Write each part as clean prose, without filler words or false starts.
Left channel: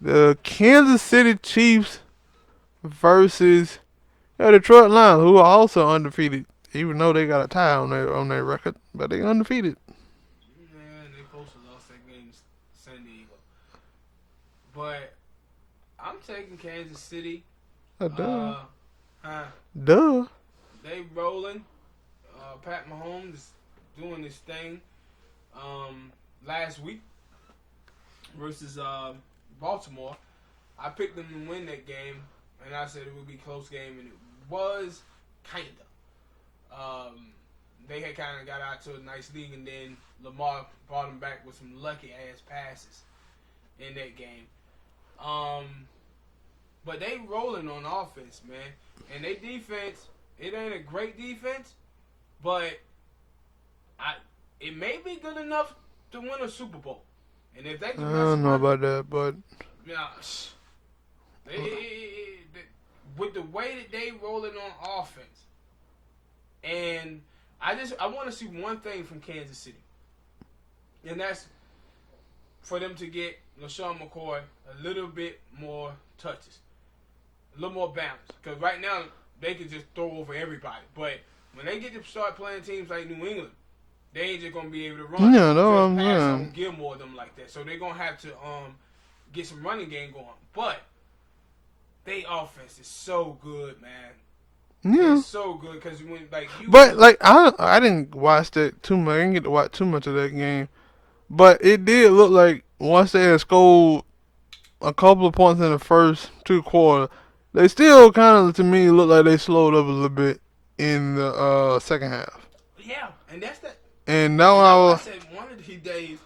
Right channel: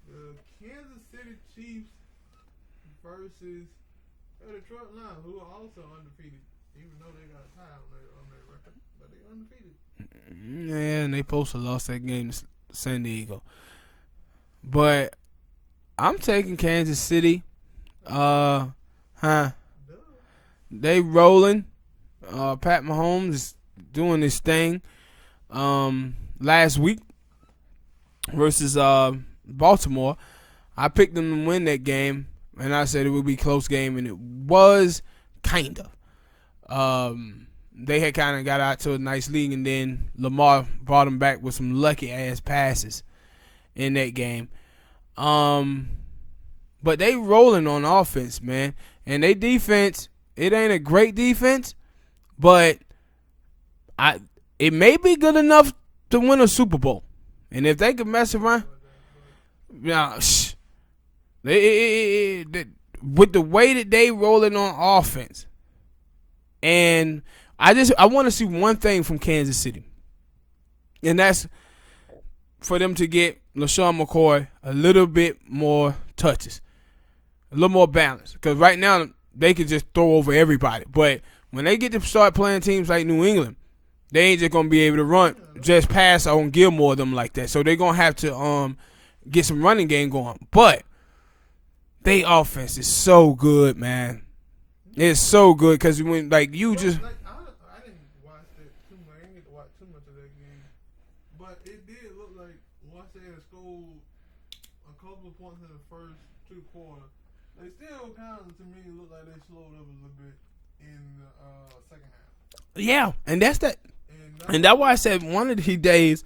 The Kansas City Chiefs versus the Detroit Lions, who are also undefeated, even though they got a tie on their record, but they undefeated. Yeah, and they supposed to lost that game to San Diego. But I'm taking Kansas City. Duh. They rolling. Pat Mahomes is doing this thing. Last week versus Baltimore, I picked them to win that game, and I said it would be a close game, and it was kind of. They had kind of got out to a nice lead, and then Lamar brought them back with some lucky ass passes in that game. But they rolling on offense, man, and they defense. It ain't a great defense, but it may be good enough to win a Super Bowl. And if they can mess around, I don't know about that, but yeah, with the way that they rolling on offense, and I want to see one thing from Kansas City, and that's for them to get LaShawn McCoy a little bit more touches, a little more balance. Because right now they can just throw over everybody, but when they get to start playing teams like New England, they ain't just gonna be able to run just pass on Gilmore them like that. So they're gonna have to get some running game going. But they offense is so good, man. Yeah. It's so good because when I didn't watch that too much. I didn't get to watch too much of that game, but it did look like once they had scored a couple of points in the first two quarters, they still kind of to me look like they slowed up a little bit in the second half. Yeah, and that's that. And that's why I said one of these days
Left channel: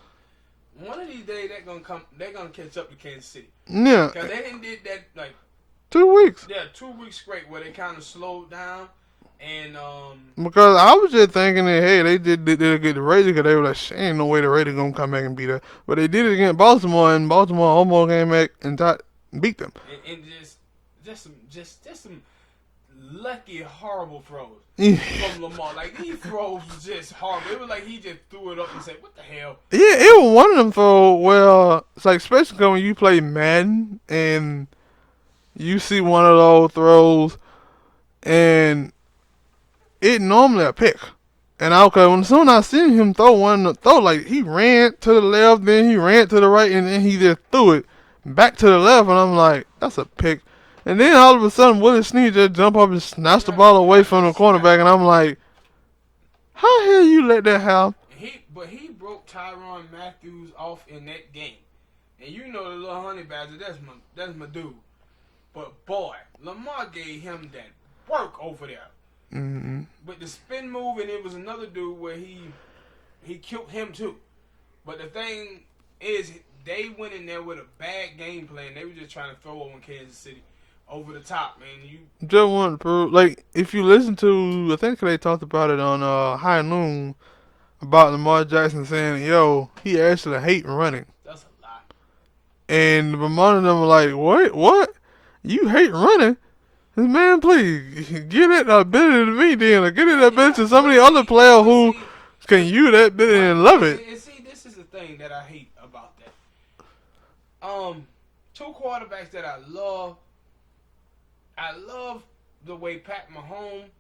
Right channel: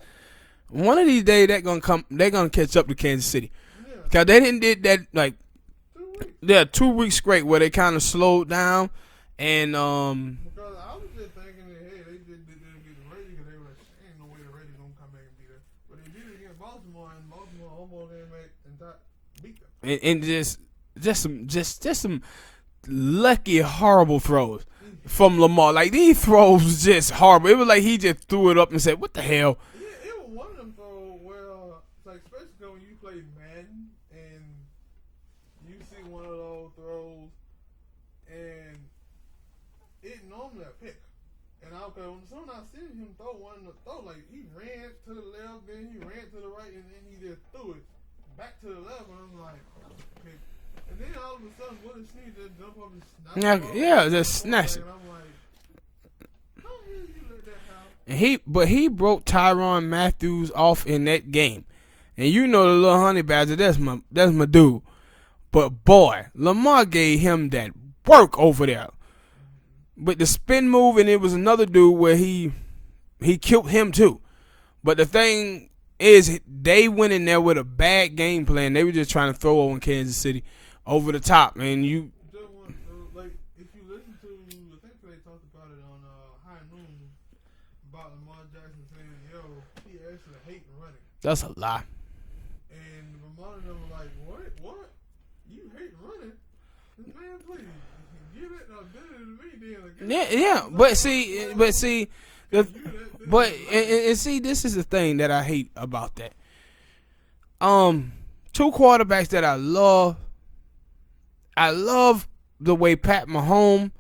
they're gonna catch up to Kansas City. Yeah, because they didn't did that like 2 weeks. Yeah, 2 weeks straight where they kind of slowed down, and because I was just thinking that hey they did get the Raiders because they were like ain't no way the Raiders gonna come back and beat us, but they did it against Baltimore and Baltimore almost came back and beat them. And just some lucky horrible throws from Lamar. Like these throws was just horrible. It was like he just threw it up and said, "What the hell?" Yeah, it was one of them throws where it's like especially when you play Madden and you see one of those throws and it normally a pick. And when soon I seen him throw like he ran to the left, then he ran to the right, and then he just threw it back to the left, and I'm like, that's a pick. And then all of a sudden, Willie Snead just jump up and snatch the ball away from the cornerback, and I'm like, how the hell you let that happen? He broke Tyrann Matthew off in that game, and you know the little honey badger, that's my dude. But boy, Lamar gave him that work over there. Mm-hmm. But the spin move, and it was another dude where he killed him too. But the thing is, they went in there with a bad game plan. They were just trying to throw on Kansas City over the top, man. You just want to prove, like, if you listen to, I think they talked about it on High Noon about Lamar Jackson saying, yo, he actually hate running. That's a lie. And one of them were like, what? You hate running? Man, please, get that ability to me then. Or get that ability to some of the other players who can use that ability and love it. And see, this is the thing that I hate about that. Two quarterbacks that I love. I love the way Pat Mahomes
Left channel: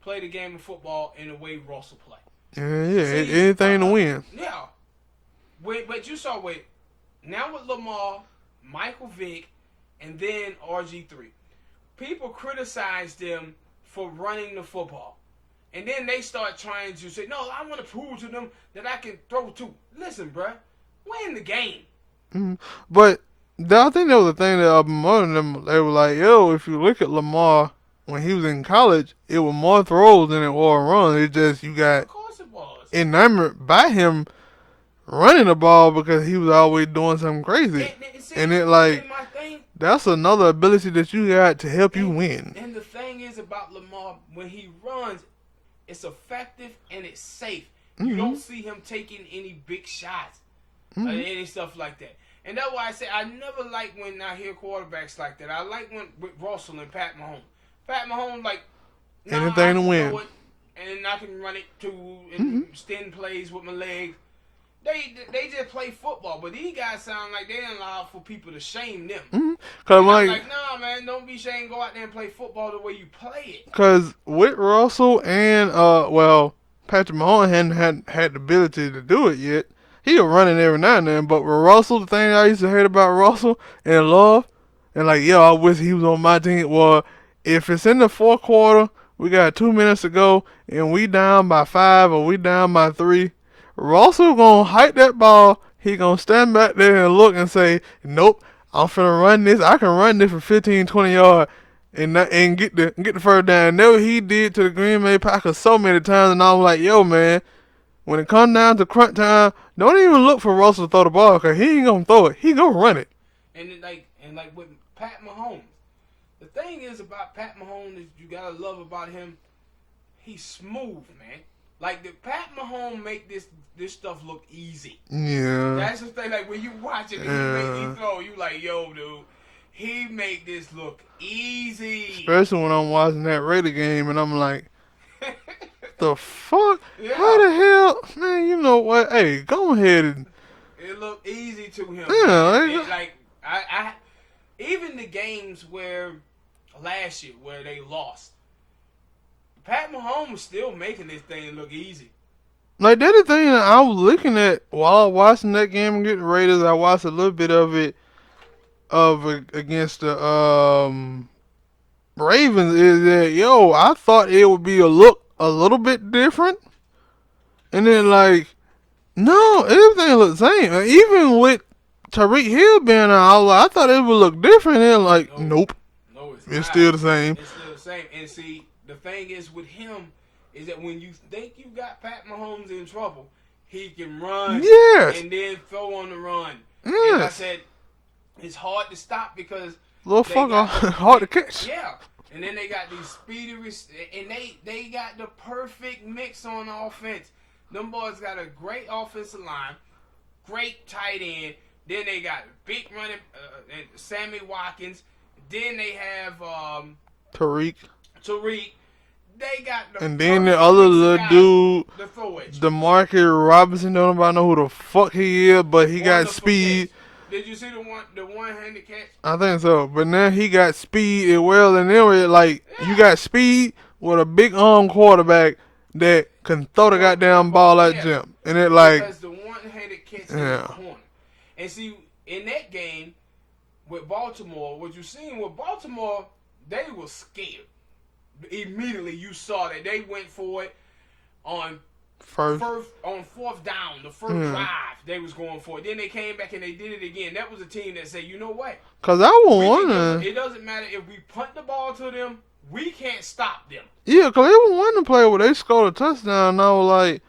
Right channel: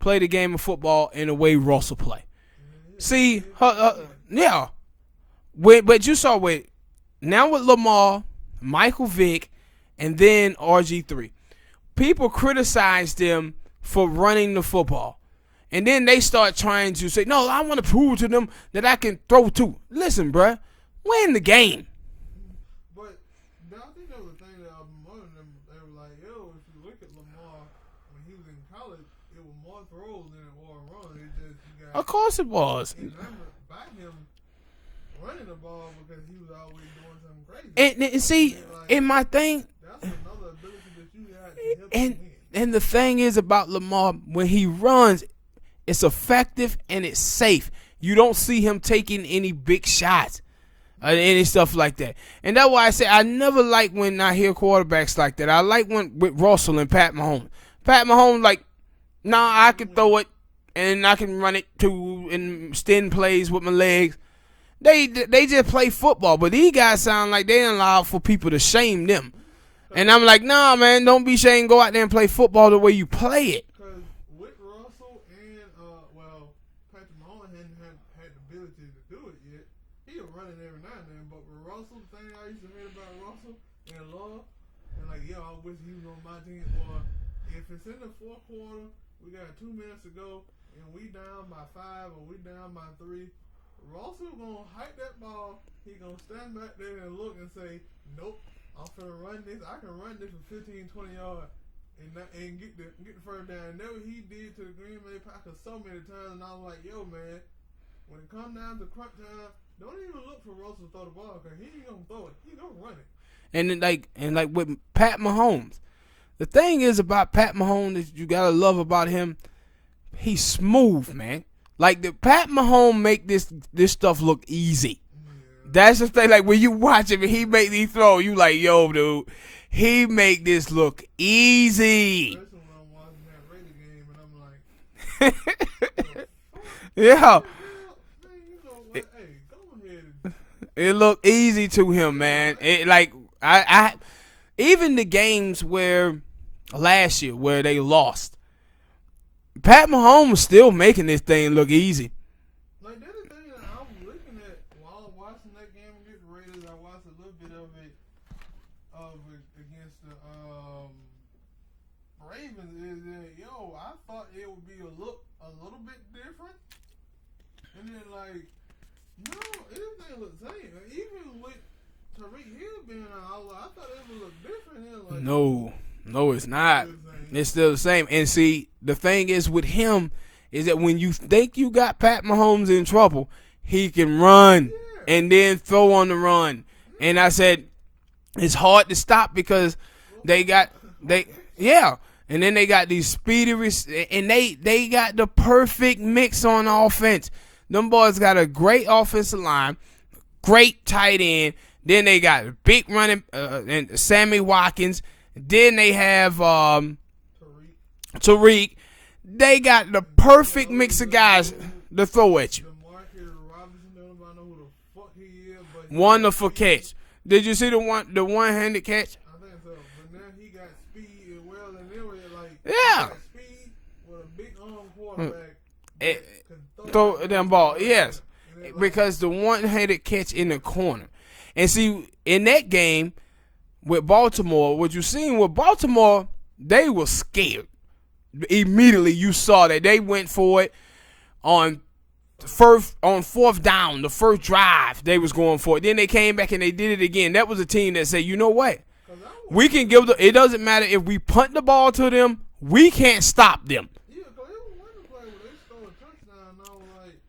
play the game of football and the way Russell play. Yeah, see, anything to win. Yeah. But you saw now with Lamar, Michael Vick, and then RG3. People criticize them for running the football. And then they start trying to say, no, I want to prove to them that I can throw too. Listen, bruh, win the game. Mm-hmm. But I think that was the thing that more of them, they were like, yo, if you look at Lamar when he was in college, it was more throws than it was runs. It just, you got. Of course it was. Enamored by him running the ball because he was always doing something crazy. And see, and my thing, that's another ability that you got to help you win. And the thing is about Lamar, when he runs, it's effective and it's safe. Mm-hmm. You don't see him taking any big shots or any stuff like that. And that's why I say I never like when I hear quarterbacks like that. I like when with Russell and Pat Mahomes. Pat Mahomes like, I can throw it and I can run it too and extend plays with my legs. They just play football, but these guys sound like they allow for people to shame them. Mm-hmm. And I'm like, nah, man, don't be shamed. Go out there and play football the way you play it. Because with Russell and Patrick Mahomes hadn't had the ability to do it yet. He'll run it every now and then, but with Russell, the thing I used to hate about Russell and love, and like, yo, I wish he was on my team, was if it's in the fourth quarter, we got 2 minutes to go, and we down by 5 or we down by 3, Russell gonna hike that ball. He gonna stand back there and look and say, nope, I'm finna run this. I can run this for 15, 20 yards and get the first down. That's what he did to the Green Bay Packers so many times, and I was like, yo, man, when it comes down to crunch time, don't even look for Russell to throw the ball, because he ain't gonna throw it. He gonna run it. And like with Pat Mahomes, the thing is about Pat Mahomes that you gotta love about him, he's smooth, man. Like the Pat Mahomes make this stuff look easy. Yeah. That's the thing. Like when you watch him and he make these throw, you like, yo, dude, he make this look easy. Especially when I'm watching that Raider game and I'm like, the fuck? Yeah. How the hell? Man, you know what? Hey, go ahead and... It looked easy to him, man. It, like, I even the games where last year where they lost, Pat Mahomes was still making this thing look easy. Like, that's the thing that I was looking at while I was watching that game against the Raiders. I watched a little bit of it against the Ravens, is that, yo, I thought it would be a little bit different. And then, like, no, everything looked the same. Even with Tyreek Hill being out, I thought it would look different. And like, nope. No, it's not. It's still the same. It's still the same. And see, the thing is with him is that when you think you got Pat Mahomes in trouble, he can run and then throw on the run. Yeah. And I said, it's hard to stop because they got hard to catch. Yeah. And then they got these speedy and they got the perfect mix on offense. Them boys got a great offensive line, great tight end. Then they got big running and Sammy Watkins. Then they have Tariq. They got the and perfect then the other mix of guys dude, to throw at you. DeMarcus Robinson, don't nobody know who the fuck he is, but he Wonderful got speed. Catch. Did you see the one-handed catch? I think so. But now he got speed as well, and then like you got speed with a big arm quarterback that can throw the goddamn ball at them. And it like because the one-handed catch in the corner. And see, in that game with Baltimore, what you seen with Baltimore, they were scared. Immediately you saw that they went for it on fourth down, the first drive they was going for it. Then they came back and they did it again. That was a team that said, you know what? Because we can give them, it doesn't matter if we punt the ball to them, we can't stop them. Yeah, because they were wanting to play where they scored a touchdown, and I was like,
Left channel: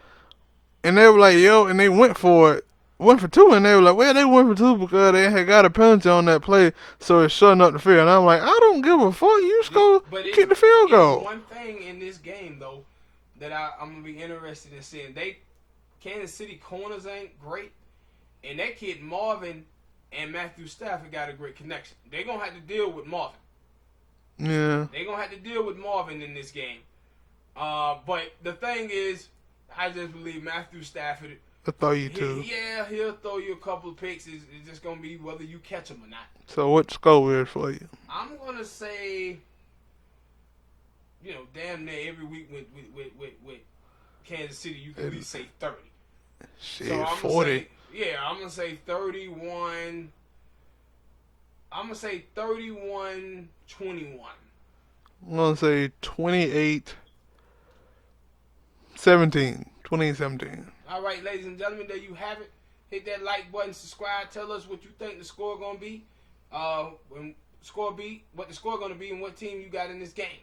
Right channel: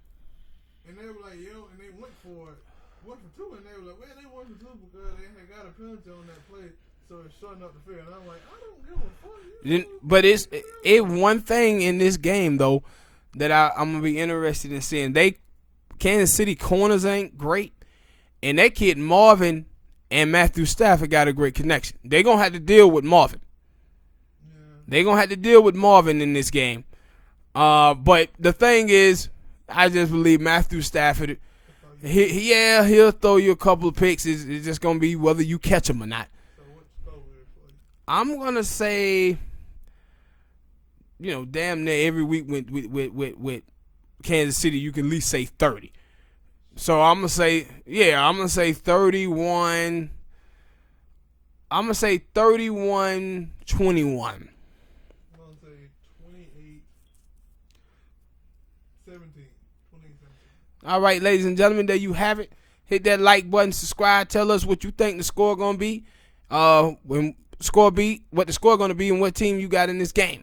and they were like, yo, and they went for it. Went for 2, and they were like, well, they went for 2 because they had got a penalty on that play, so it's shutting up the field. And I'm like, I don't give a fuck. You score, kick the field goal. It's one thing in this game, though, that I'm going to be interested in seeing. Kansas City corners ain't great, and that kid Marvin and Matthew Stafford got a great connection. They're going to have to deal with Marvin. Yeah. They're going to have to deal with Marvin in this game. But the thing is, I just believe Matthew Stafford, he'll throw you a couple of picks. It's just going to be whether you catch him or not. So what score is for you? I'm going to say, damn near every week with Kansas City, you can at least say 30. So I'm going to say, I'm going to say 31. I'm going to say 31-21. I'm going to say 28-17. 28-17. All right, ladies and gentlemen, there you have it. Hit that like button, subscribe, tell us what you think the score going to be. What the score going to be and what team you got in this game.